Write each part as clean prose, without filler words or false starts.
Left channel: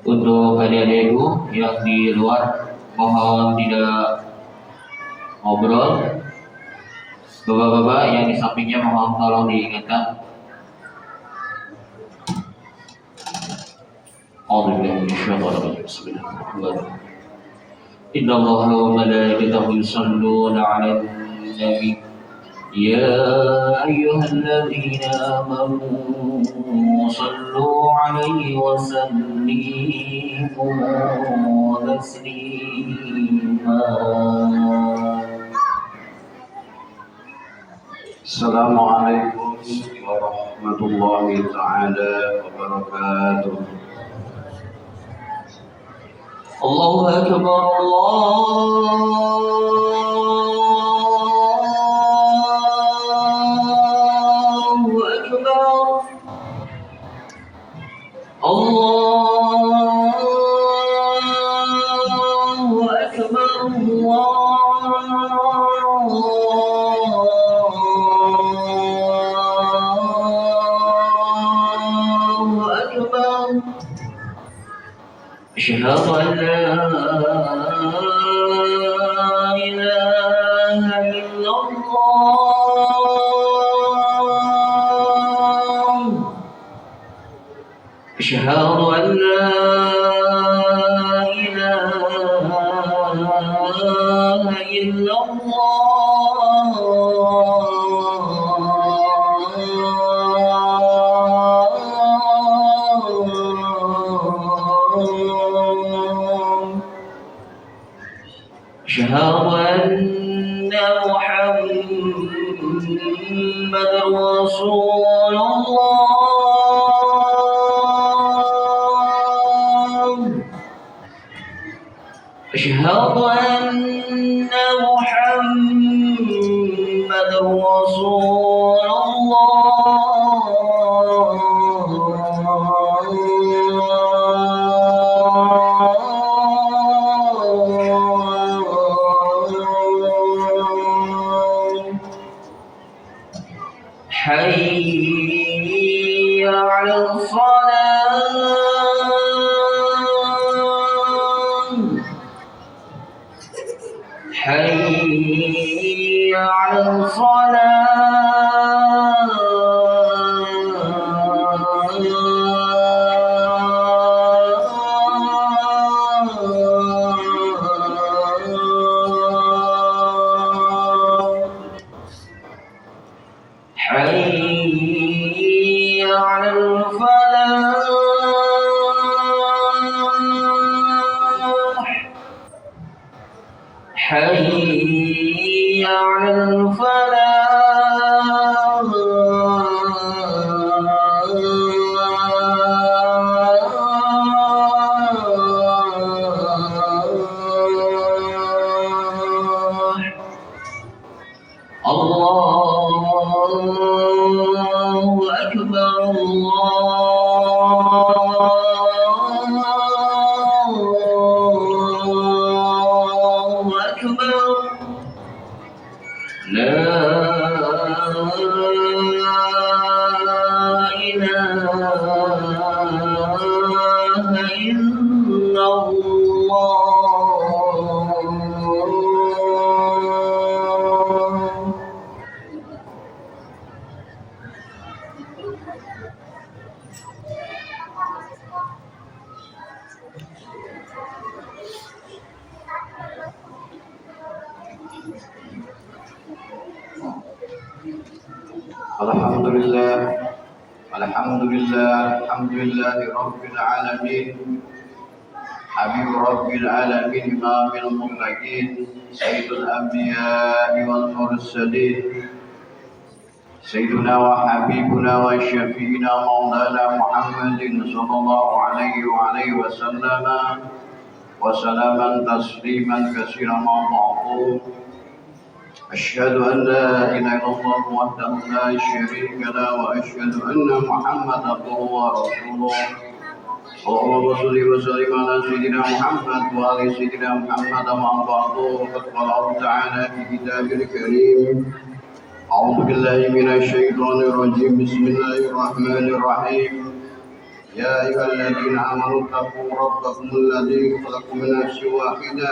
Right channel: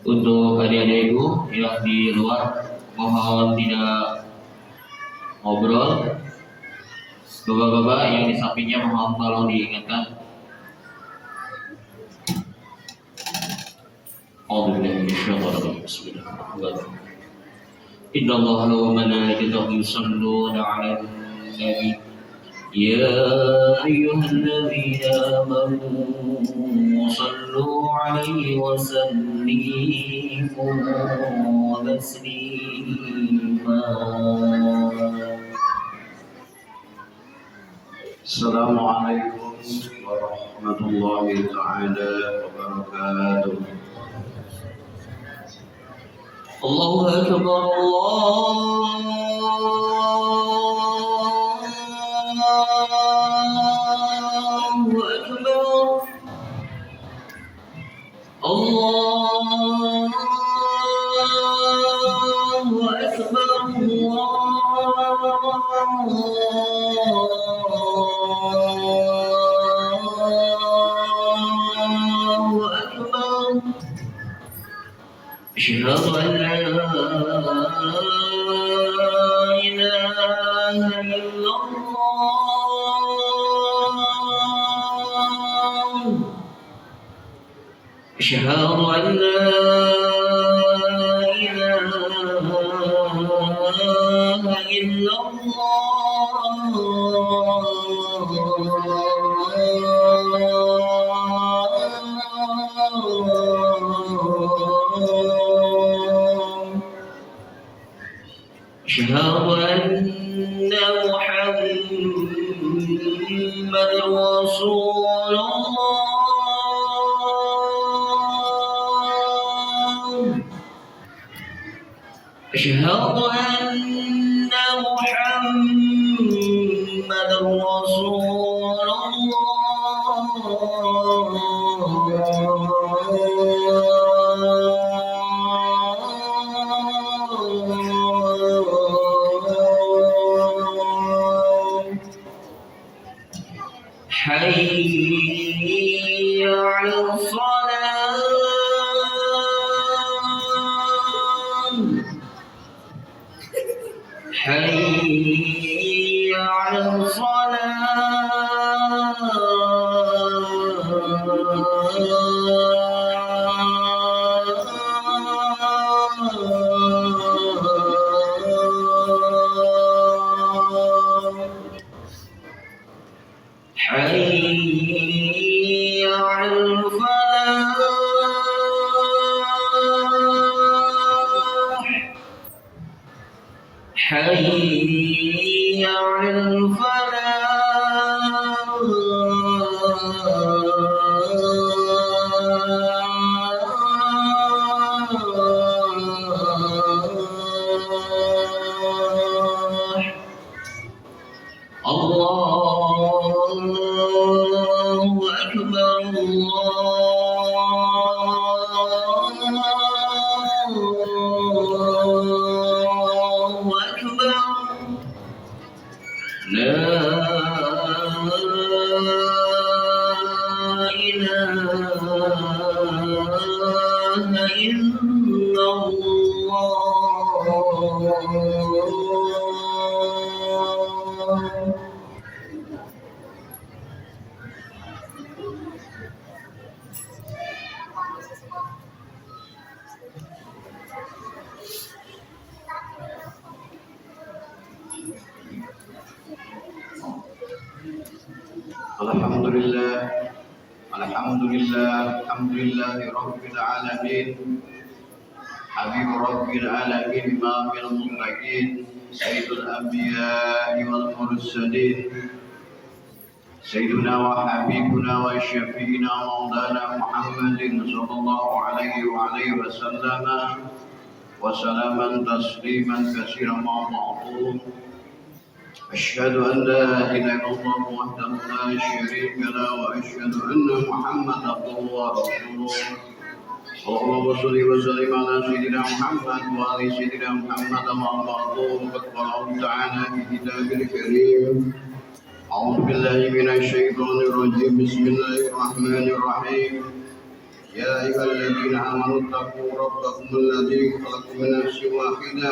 Untuk adik-adik ibu yang di luar, mohon tidak ngobrol. Bapak-bapak yang di sampingnya mohon tolong diingatkan. Inna Allah wa malaikatahu yusalluna 'alan nabi ya ayyuhalladzina amanu sallu 'alaihi wa sallimu taslima. Assalamualaikum warahmatullahi ta'ala wabarakatuh. Allahu Akbar, Allahu Akbar, Allahu Akbar, Allahu Akbar. Asyhadu an la ilaha illallah. Asyhadu an la ilaha illallah. أشهد أن محمد رسول الله. أشهد أن محمد رسول الله. حي على الصلاة. حي على الصلاة. حي على الفلاح. حي على الفلاح. الله أكبر، الله أكبر. لا إله إلا الله. Alhamdulillah, alhamdulillah, alhamdulillah Rabbil alamin. Habib Rabbil alamin, imamil muttaqin, sayyidul anbiya wal mursalin, sayyiduna wa habibuna wa syafi'ina maulana Muhammadin sallallahu alaihi wa alihi wa sallama wa salaman tasliman katsiran ma ba'du. أشهد أن لا إله إلا الله وحده لا شريك له وأشهد أن محمدا عبده ورسوله. اللهم صل وسلم على سيدنا محمد وعلى سيدنا محمد أما بعد. فقد قال الله تعالى في كتابه الكريم أعوذ بالله من الشيطان الرجيم بسم الله الرحمن الرحيم يا أيها الذين آمنوا اتقوا ربكم الذي خلقكم من نفس واحدة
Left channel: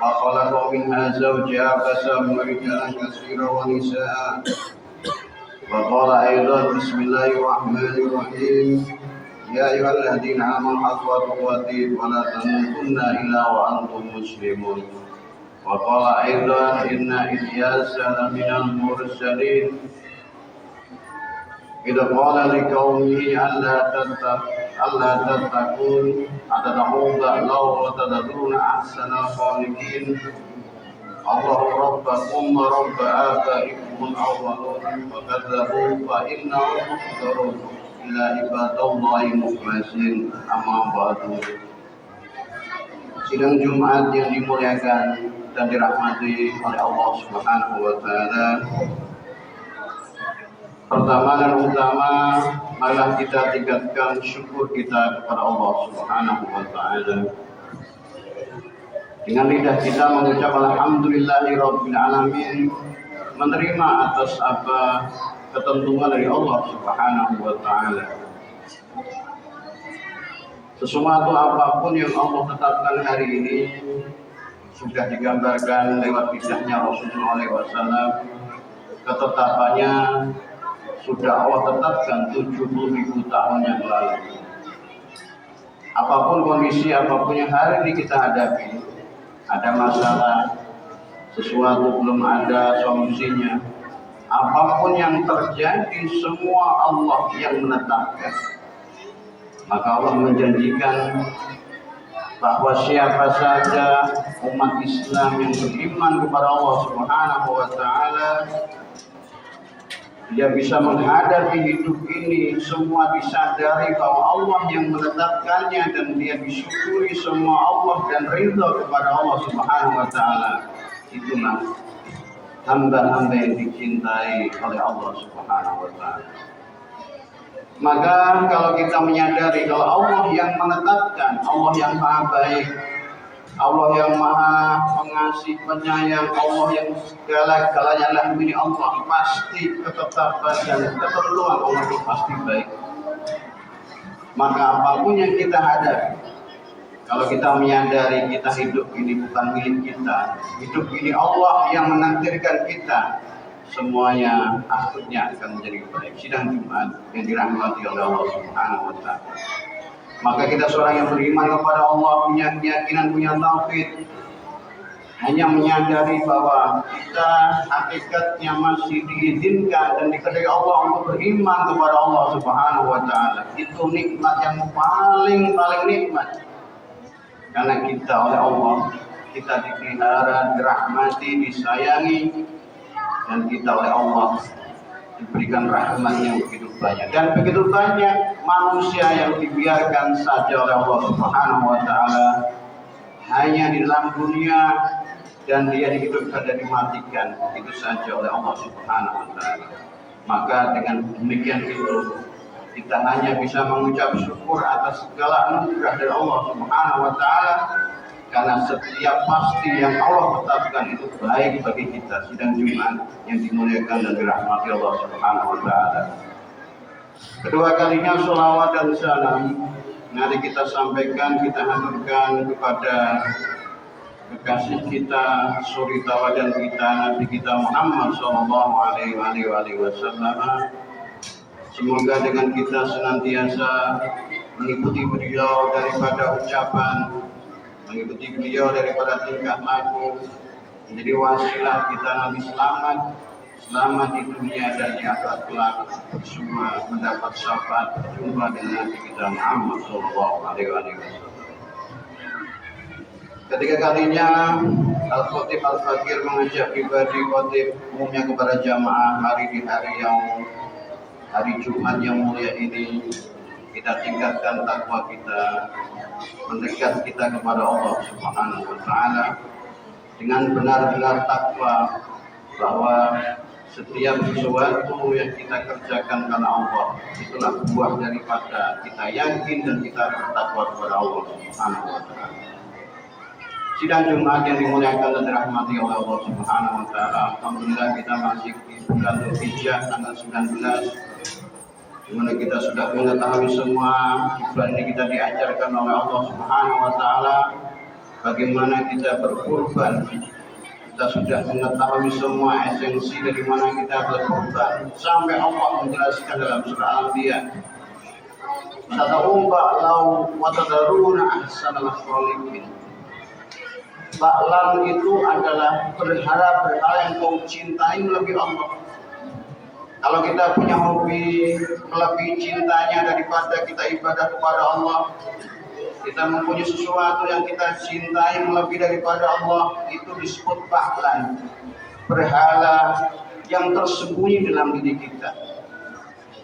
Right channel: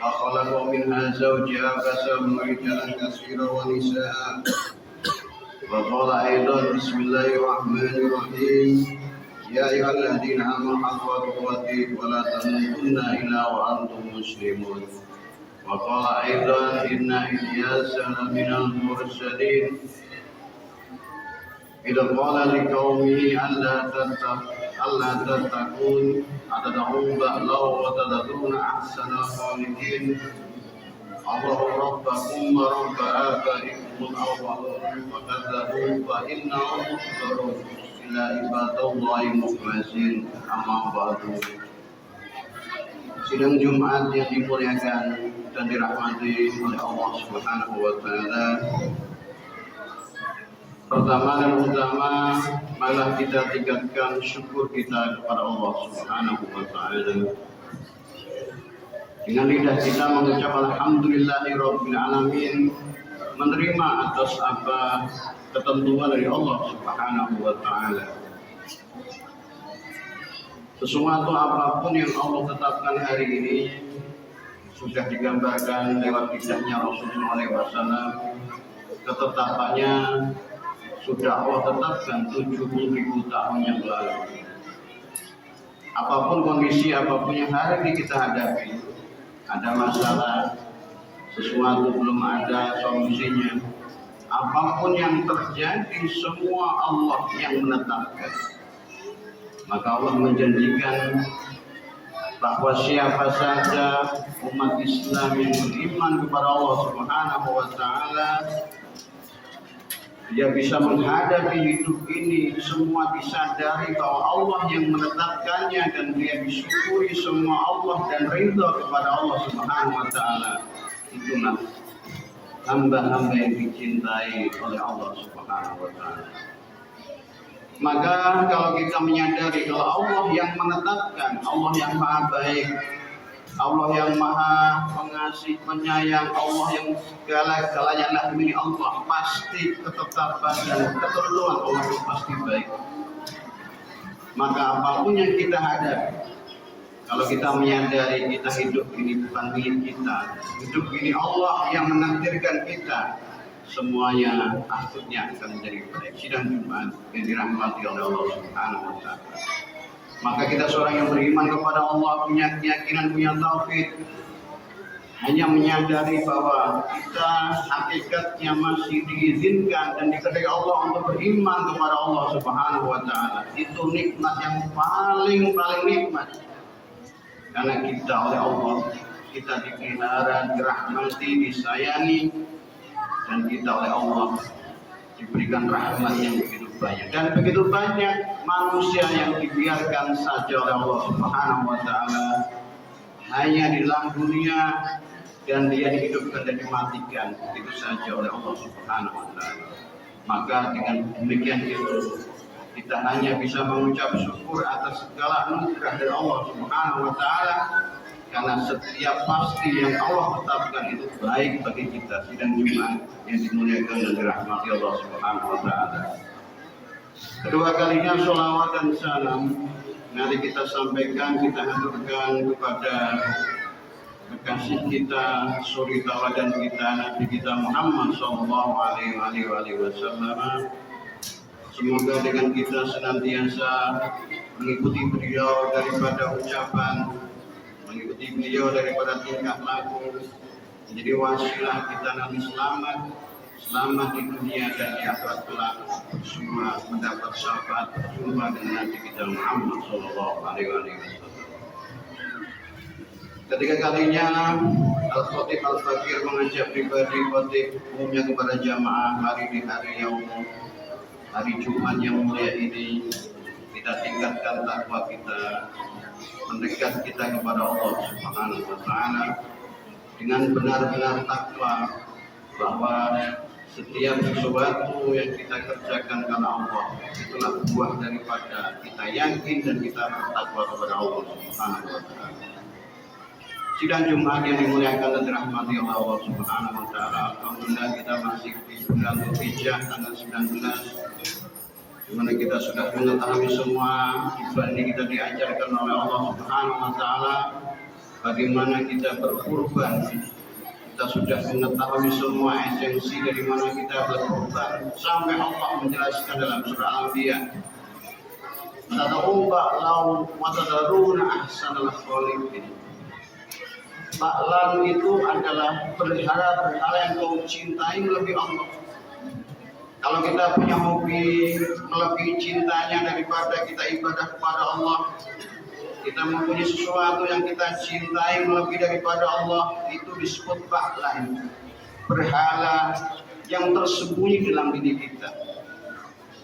وخلق منها زوجها فسمى رجالا كثيرا ونساء وقال أيضا بسم الله الرحمن الرحيم يا أيها الذين آمنوا حق تقاته ولا تموتن إلا وأنتم مسلمون وقال أيضا إن إلياس لمن المرسلين إذا قال لقومه ألا تتقون أتدعون بعلا وتذرون أحسن الخالقين الله ربكم ورب آبائكم الأولون وكذبوا فإنهم محضرون إلا عباد الله المخلصين أما بعد. Sidang Jumat yang dimuliakan dan dirahmati oleh Allah Subhanahu wa taala. Pertama dan utama, marilah kita tingkatkan syukur kita kepada Allah Subhanahu wa taala. Dengan lidah kita mengucap alhamdulillahirabbil alamin, menerima atas apa ketentuan dari Allah Subhanahu wa taala. Sesuatu apapun yang Allah tetapkan hari ini sudah digambarkan lewat kisahnya Rasulullah SAW. Ketetapannya sudah Allah tetapkan 70.000 tahun yang lalu. Apapun kondisi, apapun yang hari ini kita hadapi, ada masalah, sesuatu belum ada solusinya, apapun yang terjadi semua Allah yang menetapkan. Maka Allah menjanjikan bahwa siapa saja umat Islam yang beriman kepada Allah Subhanahu wa taala, dia bisa menghadapi hidup ini semua disadari bahwa Allah yang menetapkannya dan dia disyukuri semua Allah dan ridha kepada Allah Subhanahu wa taala. Itulah hamba-hamba yang dicintai oleh Allah Subhanahu wa taala. Maka kalau kita menyadari kalau Allah yang menetapkan, Allah yang maha baik, Allah yang maha pengasih, penyayang, Allah yang segala-galanya adalah milik Allah, pasti ketetapan dan ketentuan Allah itu pasti baik. Maka apapun yang kita hadapi, kalau kita menyadari kita hidup ini bukan milik kita, hidup ini Allah yang menakdirkan kita, semuanya akhirnya akan menjadi baik. Sidang Jumat yang dirahmati oleh Allah Subhanahu wa taala. Maka kita seorang yang beriman kepada Allah, punya keyakinan, punya tauhid, hanya menyadari bahwa kita hakikatnya masih diizinkan dan dikehendaki Allah untuk beriman kepada Allah Subhanahu wa taala. Itu nikmat yang paling nikmat. Karena kita oleh Allah, kita dipelihara, dirahmati, disayangi, dan kita oleh Allah diberikan rahmat yang begitu banyak. Dan begitu banyak manusia yang dibiarkan saja oleh Allah Subhanahu wa taala hanya di dalam dunia, dan dia dihidupkan dan dimatikan begitu saja oleh Allah Subhanahu wa taala. Maka dengan demikian itu kita hanya bisa mengucap syukur atas segala anugerah dari Allah Subhanahu wa taala, karena setiap pasti yang Allah tetapkan itu baik bagi kita. Sidang Jumat yang dimuliakan dan dirahmati Allah Subhanahu wa taala. Kedua kalinya sholawat dan salam nanti kita sampaikan, kita haturkan kepada kekasih kita, suri tauladan kita, Nabi kita Muhammad sallallahu alaihi wasallam. Semoga dengan kita senantiasa mengikuti beliau daripada ucapan, mengikuti beliau daripada tingkah laku, menjadi wasilah kita nanti selamat di dunia dan di akhirat kelak, semua mendapat syafaat berjumpa dengan Nabi kita Muhammad sallallahu alaihi wasallam. Ketiga kalinya Al-Khatib Al-Fakir mengajak pribadi khatib umumnya kepada jamaah hari Jumat yang mulia ini, kita tingkatkan takwa kita, mendekat kita kepada Allah Subhanahu wa taala dengan benar-benar takwa, bahwa setiap sesuatu yang kita kerjakan karena Allah itulah buah daripada kita yakin dan kita bertakwa kepada Allah Subhanahu wa taala. Sidang Jumat yang dimuliakan dan dirahmati oleh Allah Subhanahu wa taala. Alhamdulillah kita masih di bulan Dzulhijjah tanggal 19, di mana kita sudah mengetahui semua di bulan ini kita diajarkan oleh Allah Subhanahu wa taala bagaimana kita berkurban. Kita sudah mengetahui semua esensi dari mana kita berkurban sampai Allah menjelaskan dalam surah Al-Anbiya. Sata'u ba'lau wa tadaruna ahsanal khaliqin. Ba'lam itu adalah berhala yang kau cintai melebihi Allah. Kalau kita punya hobi melebihi cintanya daripada kita ibadah kepada Allah, kita mempunyai sesuatu yang kita cintai melebihi daripada Allah, itu disebut ba'lan, berhala yang tersembunyi dalam diri kita.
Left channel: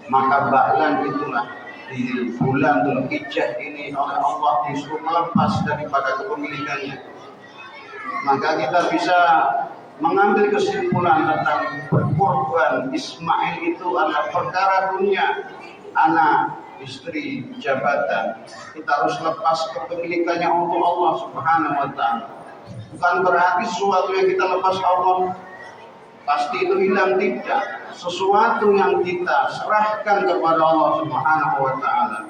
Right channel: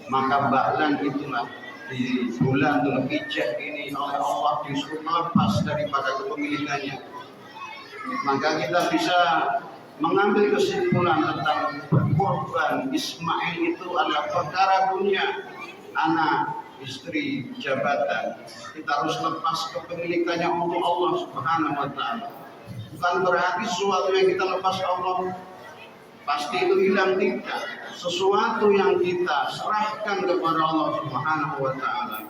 Maka ba'lan itulah di bulan Dzulhijjah ini oleh Allah disuruh melepas daripada kepemilikannya. Maka kita bisa mengambil kesimpulan tentang berkorban Ismail itu adalah perkara dunia, anak, istri, jabatan. Kita harus lepas kepemilikannya untuk Allah Subhanahu wa taala. Bukan berarti sesuatu yang kita lepas Allah pasti itu hilang, tidak. Sesuatu yang kita serahkan kepada Allah Subhanahu wa taala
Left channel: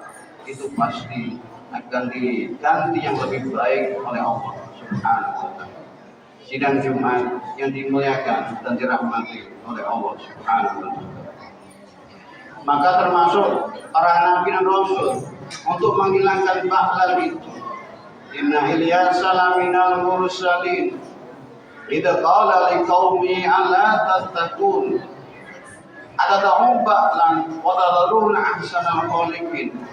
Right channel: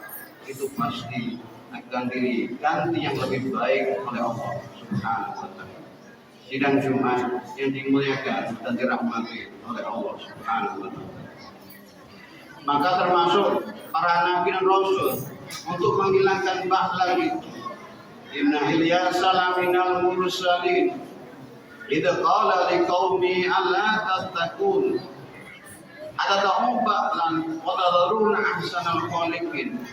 itu pasti akan diganti yang lebih baik oleh Allah Subhanahu wa taala. Sidang Jumat yang dimuliakan dan dirahmati oleh Allah Subhanahu wa taala. Maka termasuk para nabi dan rasul untuk menghilangkan ba'lan itu. Inna Ilyasa laminal mursalin idza qala liqaumi alla tattaqun atad'u ba'lan wa tadharuna ahsanal khaliqin.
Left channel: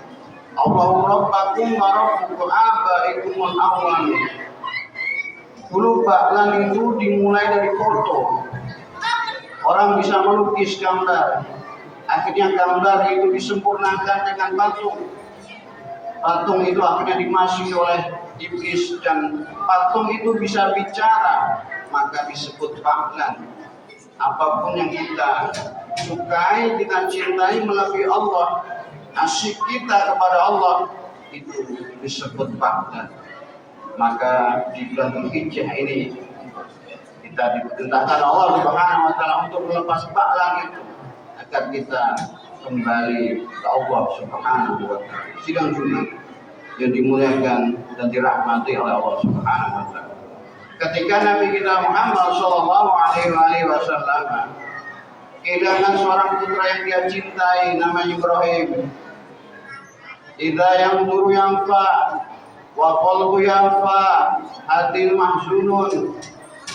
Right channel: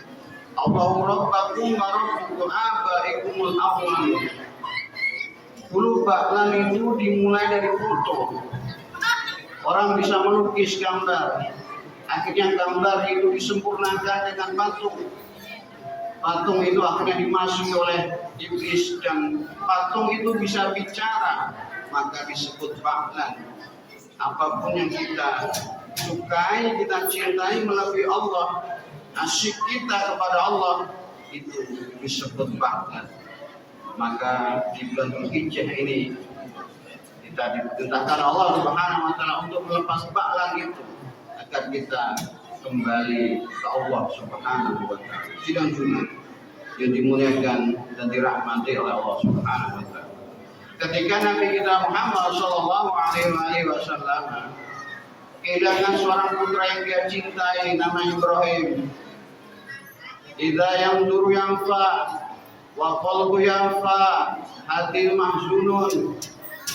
Allahu rabbakum wa rabbukum abaikumul awwalin. Dulu ba'lan itu dimulai dari foto. Orang bisa melukis gambar. Akhirnya gambar itu disempurnakan dengan patung. Patung itu akhirnya dimasuki oleh iblis dan patung itu bisa bicara, maka disebut ba'lan. Apapun yang kita sukai, kita cintai melebihi Allah, asyik kita kepada Allah, itu disebut ba'lan. Maka di bulan Dzulhijjah ini kita diperintahkan Allah Subhanahu wa taala untuk melepas ba'lan itu agar kita kembali ke Allah Subhanahu wa taala. Sidang Jumat yang dimuliakan dan dirahmati oleh Allah Subhanahu wa taala. Ketika Nabi kita Muhammad sallallahu alaihi wasallam kehilangan seorang putra yang dia cintai namanya Ibrahim. Idza yanzuru yanfa wa qalbu yanfa hadil mahzunun.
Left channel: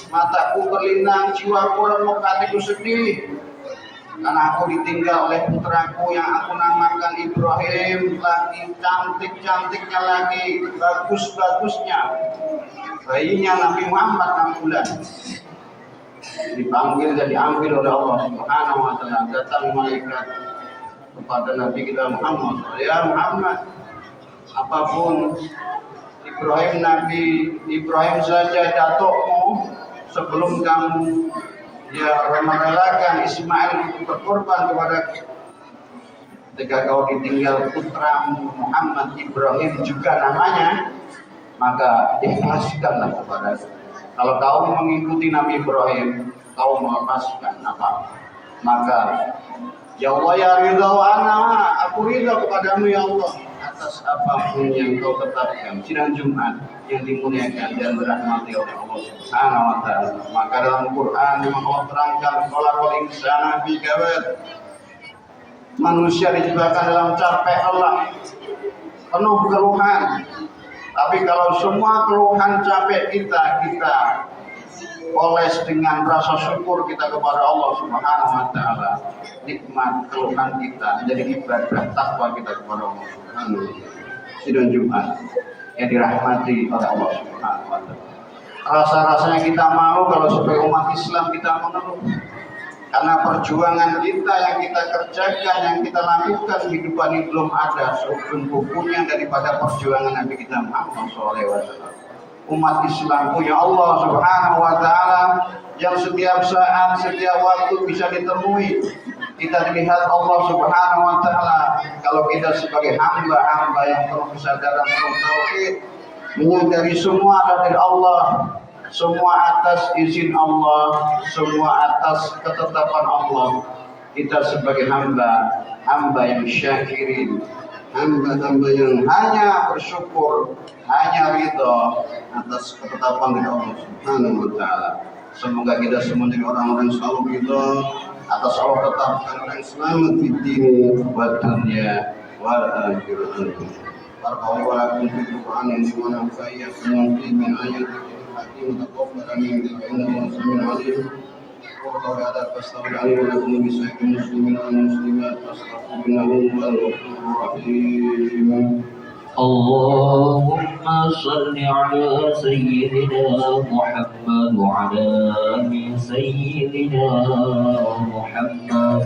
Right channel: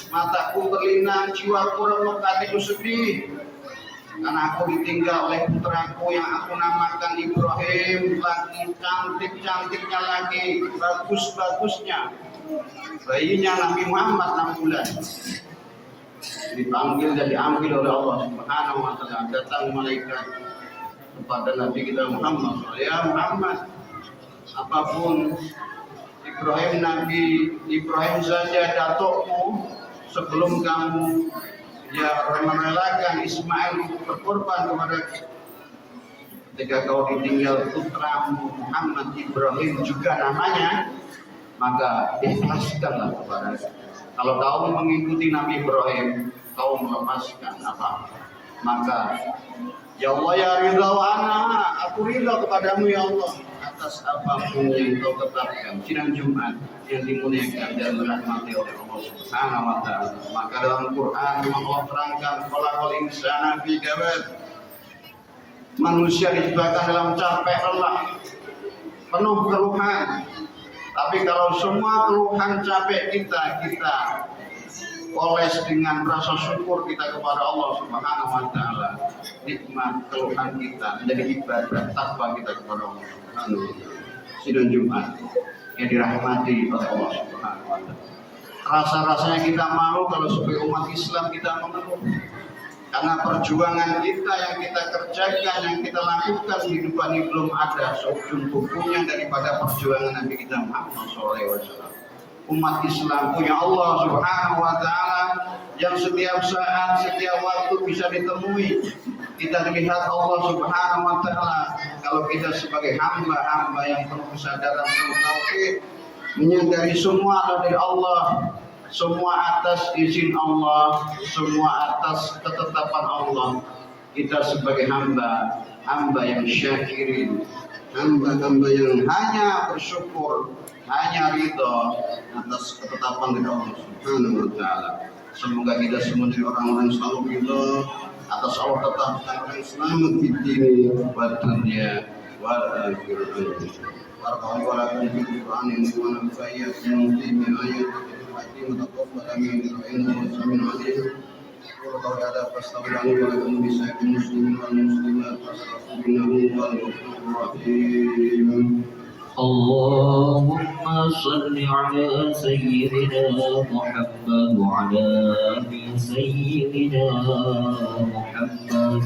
Mataku berlinang, jiwaku remuk, hatiku sedih karena aku ditinggal oleh putraku yang aku namakan Ibrahim, lagi cantik-cantiknya, lagi bagus-bagusnya. Bayinya Nabi Muhammad 6 bulan. Dipanggil dan diambil oleh Allah Subhanahu wa taala. Datang malaikat kepada Nabi kita Muhammad, ya Muhammad, apapun Nabi Ibrahim saja datukmu sebelum kamu merelakan Ismail berkorban kepada, ketika kau ditinggal putramu Muhammad Ibrahim juga namanya, maka ikhlaskanlah kepada. Kalau kau mengikuti Nabi Ibrahim, kau melepaskan apa? Maka ya Allah ya ridha wa ana, aku ridha kepadamu ya Allah atas apapun yang kau tetapkan. Sidang Jumat yang dimuliakan dan dirahmati oleh Allah Subhanahu wa taala. Maka dalam Quran Allah terangkan khalaqal insana fi kabad. Manusia diciptakan dalam capek lelah, penuh keluhan. Tapi kalau semua keluhan capek kita oles dengan rasa syukur kita kepada Allah Subhanahu wa taala, nikmat keluhan kita menjadi ibadah takwa kita kepada Allah Subhanahu wa taala. Sidang Jumat yang dirahmati oleh Allah Subhanahu wa taala. Rasa-rasanya kita mau kalau sebagai umat Islam kita mengeluh karena perjuangan kita yang kita kerjakan, yang kita lakukan di hidup ini belum ada seujung kukunya daripada perjuangan Nabi kita Muhammad SAW. Umat Islam punya Allah Subhanahu wa taala yang setiap saat, setiap waktu bisa ditemui. Kita dilihat Allah Subhanahu wa taala kalau kita sebagai hamba-hamba yang penuh kesadaran, penuh tauhid, menyadari semua dari Allah, semua atas izin Allah, semua atas ketetapan Allah. Kita sebagai hamba yang syakirin, hamba yang hanya bersyukur, hanya ridha atas ketetapan dari Allah Subhanahu wa taala. Semoga kita semua dari orang-orang yang selalu ridha atas Allah tetapkan yang selamat di dunia wa dunya wal akhirah. Barakallahu lakum fil Qur'an wa nafa'akum min ayatil hakim taqabbal minkum innahu samiun 'alim. وقال هذا فاستغفر لي ولكم بسائر المسلمين والمسلمات فاستغفروه انه هو الغفور الرحيم. اللهم صل على سيدنا محمد وعلى آل سيدنا محمد.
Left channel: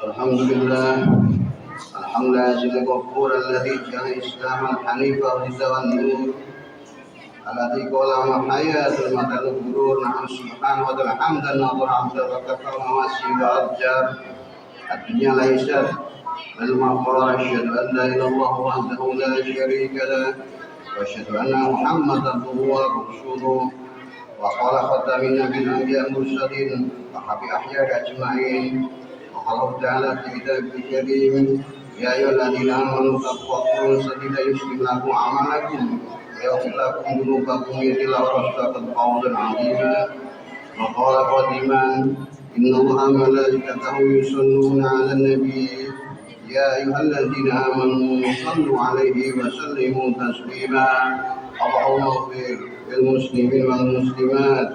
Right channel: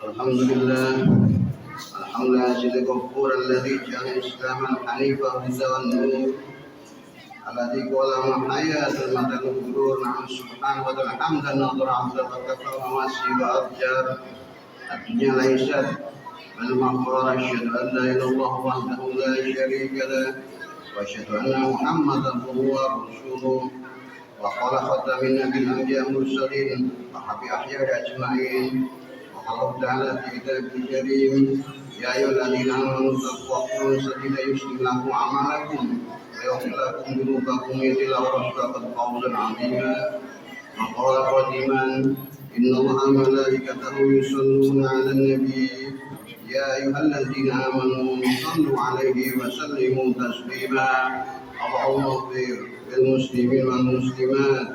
الحمد لله الحمد لله الغفور الذي جعل الإسلام حنيفا هدى والنور الذي قال ما حياة المدى الغرور. نعم سبحانه وتعالى حمدا نظر عبدا وكفى مواسي وأرجاب الدنيا ليست بل ما قال أشهد أن لا إله إلا الله وحده لا شريك له وأشهد أن محمدا عبده ورسوله وقال خاتم النبي الأنبياء المرسلين وحبي أحياء أجمعين. وقال تعالى في كتابه الكريم يا أيها الذين آمنوا اتقوا الله سديدا يصلح لكم أعمالكم ويغفر لكم ذنوبكم ويغفر لكم فقد فوزا عظيما. وقال قديما إن الله وملائكته يصلون على النبي يا أيها الذين آمنوا صلوا عليه وسلموا تسليما. اللهم اغفر للمسلمين والمسلمات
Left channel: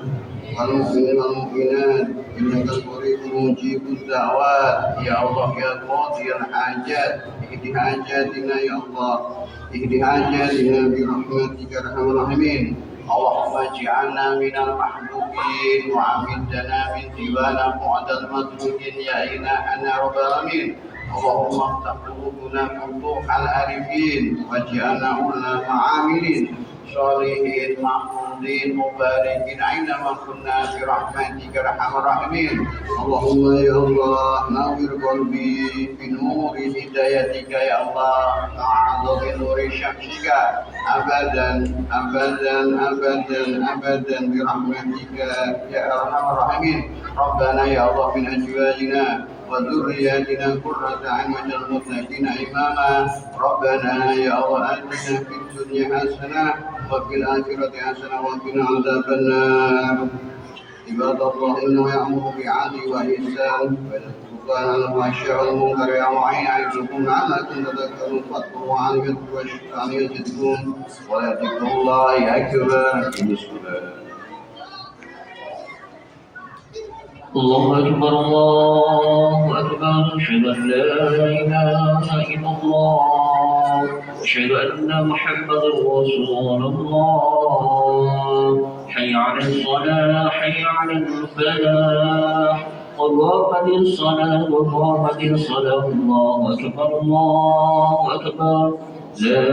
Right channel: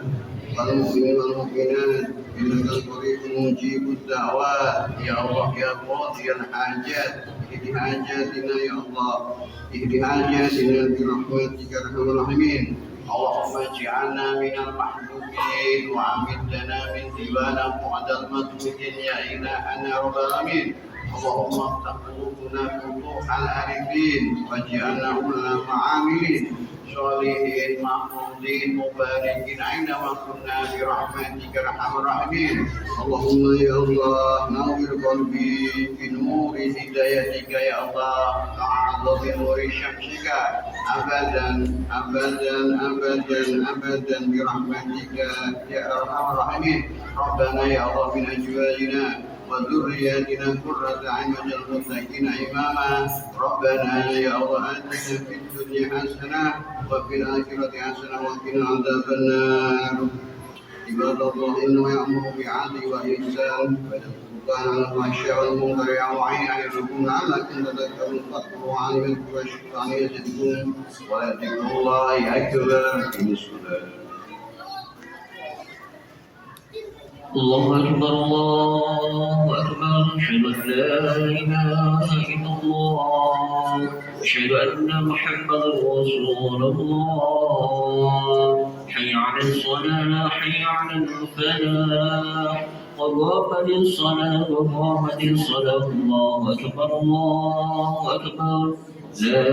والمؤمنين والمؤمنات إنك قريب مجيب الدعوات يا الله يا قاضي الحاجات. اهد حاجاتنا يا الله، اهد حاجاتنا برحمتك يا أرحم الراحمين. اللهم اجعلنا من المحبوبين وعمدنا من ديوان بعد المدعوين يا إلهنا رب العالمين. اللهم افتح قلوبنا فتوح العارفين واجعلنا علماء عاملين صالحين محمودين مباركين أينما كنا برحمتك يا أرحم الراحمين. اللهم يا الله نور قلبي بنور هدايتك يا الله تعالى بنور شمسك أبدا أبدا أبدا أبدا برحمتك يا أرحم الراحمين. ربنا يا الله من أزواجنا وذرياتنا قرة أعين واجعل المتقين إماما. ربنا يا الله آتنا في الدنيا حسنة وفي الآخرة حسنة وقنا عذاب النار. عباد الله إنه يأمر بالعدل والإحسان وينهى عن الفحشاء والمنكر يعظكم لعلكم تذكرون فاذكروا الله يذكركم واشكروا يزدكم ولذكر الله أكبر. الله أكبر الله أكبر. أشهد أن لا إله إلا الله أشهد أن محمدا رسول الله. حي على الصلاة حي على الفلاح قد قامت الصلاة قد قامت الصلاة. الله أكبر الله أكبر. لا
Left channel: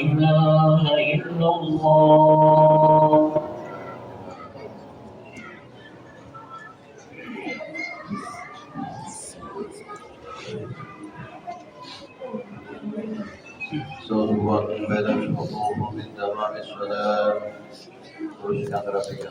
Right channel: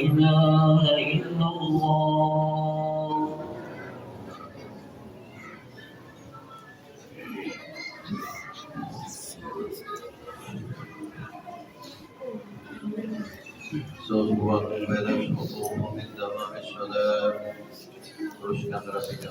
إله إلا الله. Sebuah ibadah syukur min dalam salat terus kita terapkan.